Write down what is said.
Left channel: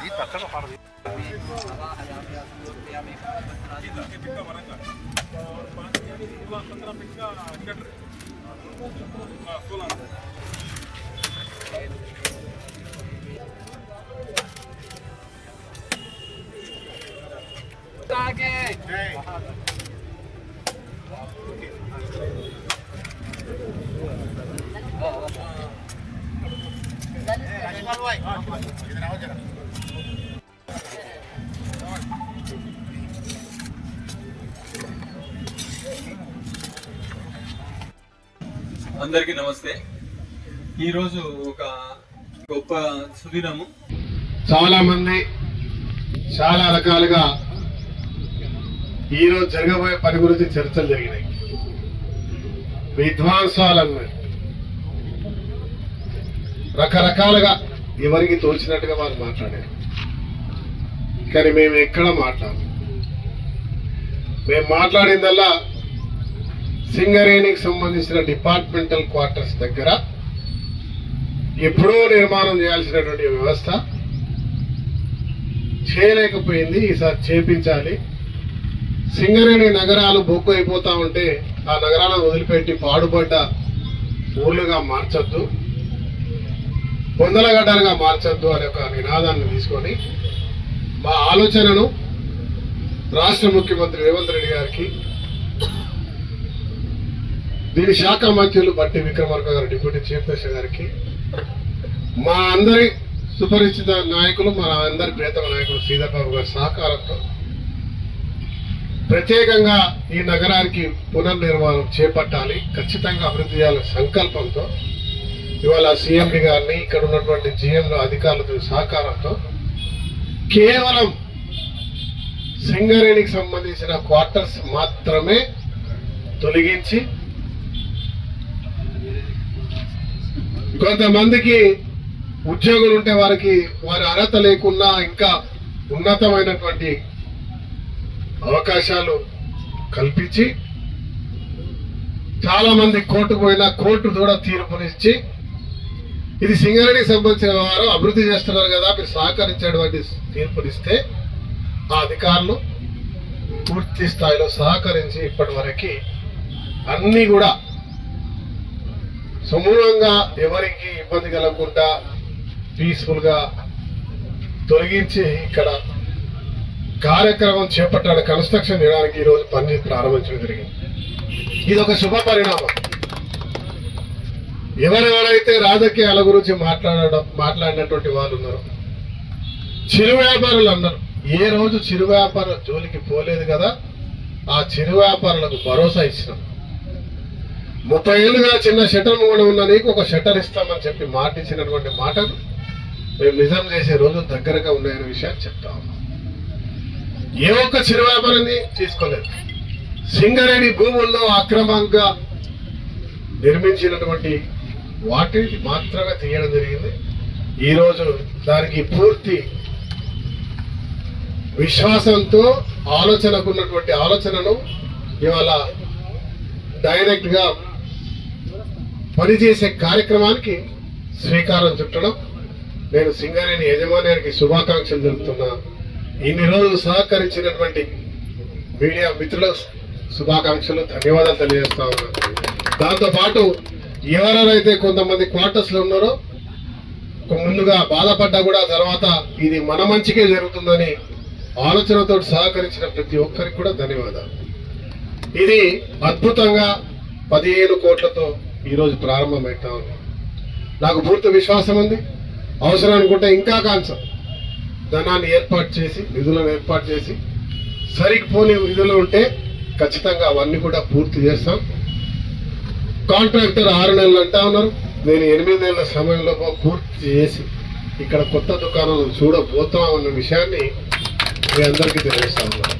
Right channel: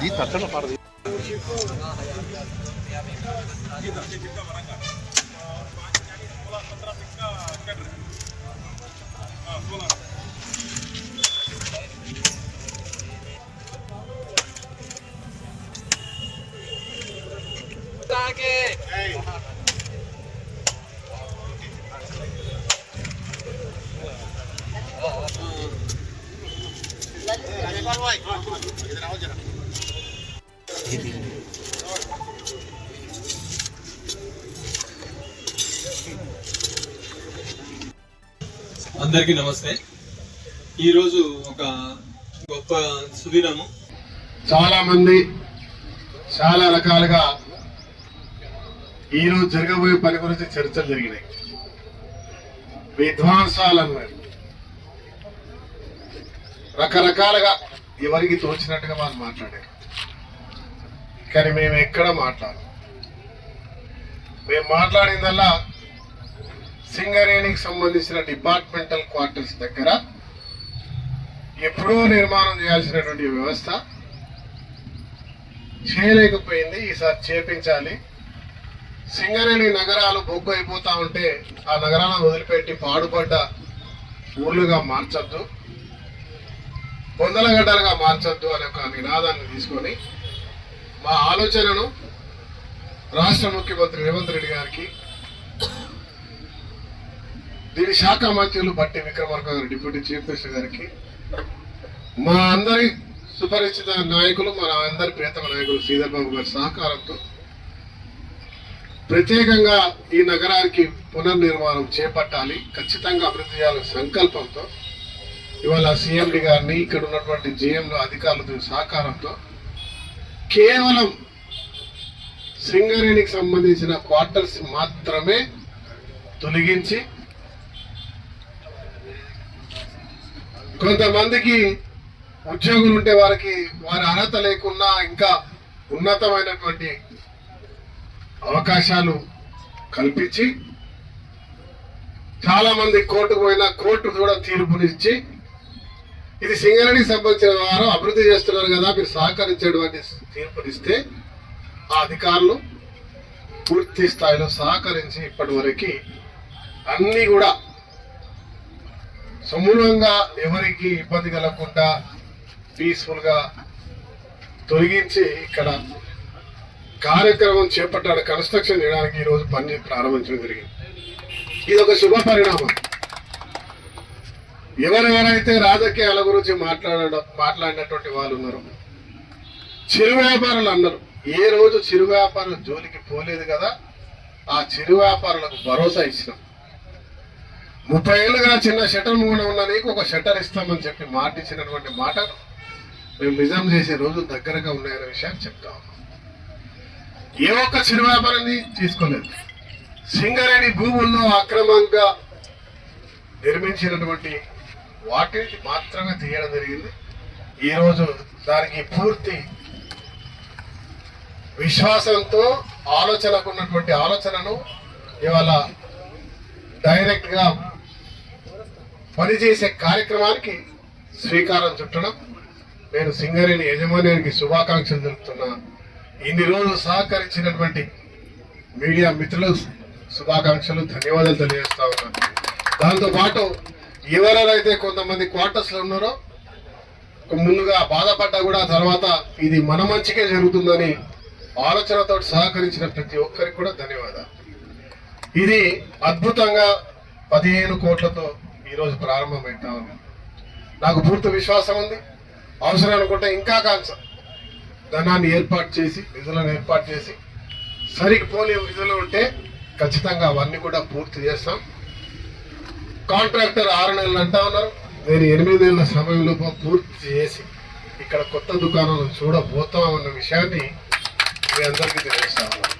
दी तत्तन Hey, hey, hey, hey, hey, hey, hey, అందరికీ నమస్తే. ఈరోజు ఒక గొప్ప సుదినము. చాలా మంది చాలా రకాలుగా ఈరోజు జరగబోయే పని గురించి చర్చలు జరిగినాయి. విధ్వంసాలు అన్నాయి రకరకాలుగా ఎవరికి తోచినట్టుగా వారు మాట్లాడారు. కానీ మేము ఎక్కడ మాట్లాడము. మేము మాట్లాడిందల్లా సింగరేణికి సంబంధించిన డిపార్ట్మెంటల్ క్వార్టర్స్ దగ్గర ఎప్పుడో నిర్మాణం చేయాల్సినటువంటి వ్యవస్థ చేయలేకపోయింది. ఈసారి చేపించాలి. సింగరేణి నగరాలు బొగ్గు అయిపోతా ఉంటే ఆ నగరాలను వదిలిపెట్టి పాడుపడ్డ ఊర్లుగా మార్చొద్దు. పొందలగడ్డలుగా మార్చొద్దు అనే ఒక నినాదాన్ని తీసుకొని మా ఆలోచనను రాష్ట్ర ముఖ్యమంత్రి రేవంత్ రెడ్డి గారికి దీని శాఖ మంత్రులు బట్టి విక్రమార్క గారు డిప్యూటీ చీఫ్ మినిస్టర్ గారికి మా అందరి సుపరిచిత నాయకులు మన అందరి ప్రియతమ నాయకులు శ్రీధర్ బాబు గారి సహకారంతో ప్రత్యేకంగా ఈ నగరానికి పునర్నిర్మాణం చేపట్టాలి. ఖచ్చితంగా అభివృద్ధి చేయాలనే సంకల్పంతో ఇవాళ సీఎండి గారిని ఇక్కడ ఉన్నటువంటి జీఎంలు అధికారులతో సహకారంతో కేవలం సింగరేణికి సంబంధించిన క్వార్టర్స్ మాత్రమే తొలగించి కొంతమందికి ఉద్యోగులు ఉంటే వారికి వారి అర్హత లేకున్నా ఇంకా ఉన్నతమైనటువంటి అవకాశాలు కల్పించి చాలామంది కోర్టుకు పోయినా కోర్టు కూడా తీర్పునిచ్చి ఇది సింగరేణికి సంబంధించిన వారు అభివృద్ధి చేస్తున్నారు కదా మీరు సహకరించేటువంటి తీర్పునిస్తే ఆ అధికారులు పూర్తి స్థాయిలో సహకరించి ఇప్పటి వరకు కూడా సమూలంగా ఎవరికి ఇబ్బంది కలగకుండా పీస్ఫుల్గా తొలగించి ఇక్కడ కార్యక్రమం చేపట్టాడు కన్స్ట్రక్షన్ చేయడానికి ఈరోజు పని ప్రారంభించడం జరిగింది. ఇది ఒక శుభ పరిణామం ఎవరెవరైతే రాజకీయాల గురించి మాట్లాడడం మాట్లాడినటువంటి వాళ్ళు ఉన్నారు చిరు వ్యాపారులు అన్నారు ఏ రోజు చిరు వ్యాపారం జోలికి పోలేదు కదా ఆ చిరు వ్యాపారులకు భరోసా ఇచ్చినాం. ముప్పై ఏళ్ళుగా చిన్న షట్టర్ కూడా ఉన్న నీకు ఒక షట్టర్ ఇస్తామని చెప్పి మాట ఇచ్చినటువంటి మాటలు మేము నిజం చేసే రోజులు దగ్గరగా ఉన్నాయనే విషయాన్ని చెప్తా ఉన్నాం. ఏ ఒక్క చిరు వ్యాపారాన్ని తీసుకోలేదు. సింగరేణి భూముల్లో అక్రమంగా నిర్మించినటువంటి వాటిని మాత్రమే తీయడం జరిగింది. ఈరోజు దానికి పూర్తి విశ్వాసంతో ఆలోచనకు ఉన్నటువంటి ఆలోచనను ఇవాళ డైరెక్ట్గా పనిచేసే కార్యక్రమానికి శ్రీకారం చుట్టడం. నేను సింగరేణి యజమానికి శుభాకాంక్షలు తెలుపుతున్నా. ఇన్ని రోజులు సహకరించినటువంటి మీడియా మిత్రులకు శుభాకాంక్షలు ధన్యవాదాలు తెలియజేస్తా ఉన్నాను దాంతోపాటు ఎవరెవరైతే కొంతమంది క్వార్టర్స్లో ఉన్నారో ముందుగా బాధపడ్డా కూడా తర్వాత ఇది మన మంచికే జరుగుతుందని ఆలోచనతో సహకరించిన ప్రతి ఒక్కరికి కూడా ధన్యవాదాలు. ఇది అద్భుతంగా పదిహేను కోట్లతో ఈరోజు ప్రారంభమవుతా ఉంది. నాకు పూర్తి విశ్వాసం ఉంది. అవసరం అనుకుంటే ఇంకా కాన్సర్ ధనాన్ని ఏర్పాటు చేసి నిధులను ఏర్పాటు చేసి సరిపోని విధులు ఉంటే ఖచ్చితంగా అవన్నీ కూడా పూర్తి చేస్తాం. కాంట్రాక్టర్ ఆరు నెలలు అంటా ఉన్నారు. నేను ఎనిమిది నెలల సమయంలో పూర్తి చేసి ఇక్కడ కొత్త దుకాణాలను చూడబోతామన్న విషయాన్ని మీ అందరికీ తెలియజేస్తా ఉన్నాను.